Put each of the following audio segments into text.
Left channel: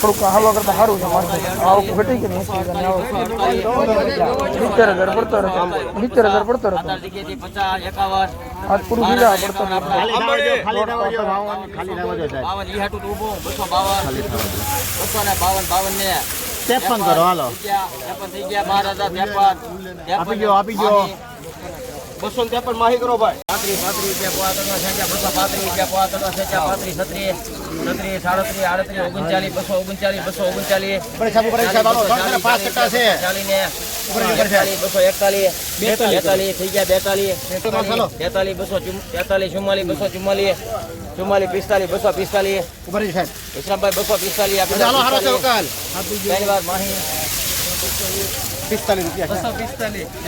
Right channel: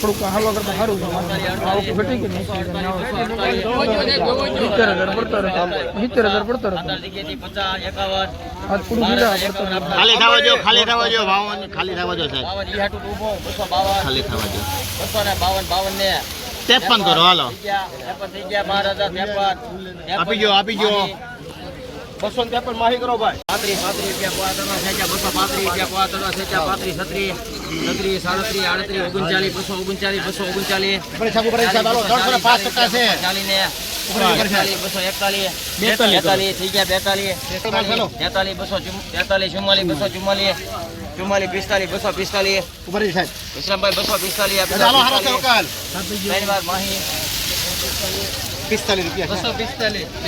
થોડુંક હાલો કરતા સારું છે મારે આવક ઘટી કે નહીં સિત્તેર હજાર પડતો રહેતો. સિત્તેર હજાર પડતો રહેતો. ખાલી થવા જો ખાલી થવા જો ભાવન ખાલી થવા જો સાહેબ. ખાલી થવા જો. ત્રેપન કરો હાલો. આપી ગયો આપી ગયો બસો ત્રેપન માહી કરો ભાઈ. પાંત્રીસ પાંત્રીસ રૂપિયા પોવા ત્રણ સેચા બસો પાંત્રીસ રૂપિયા પોવા ત્રણ સેચા પાંત્રીસ છત્રીસ છત્રીસ સાડત્રીસ આડત્રીસ ઓગણચાલીસ બસો ઓગણચાલીસ બસો ઓગણચાલીસ પાંચ ટકા છે. ચાલીસ ને બસો એકતાલીસ બેતાલીસ થઈ ગયા બેતાલીસ તેતાલીસ બસો તેતાલીસ ચુમ્માલીસ બસો ચુમ્માલીસ ચુમ્માલીસ પિસ્તાલીસ બસો પિસ્તાલીસ ઇસ્લામભાઈ બસો પિસ્તાલીસ રૂપિયા બસો પિસ્તાલીસ.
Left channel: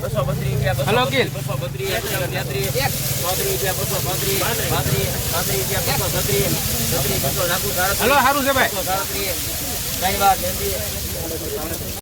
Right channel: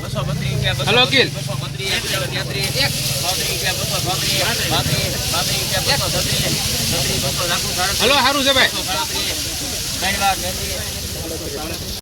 હલો, કિલ. સાડત્રીસ સારું છે ભાઈ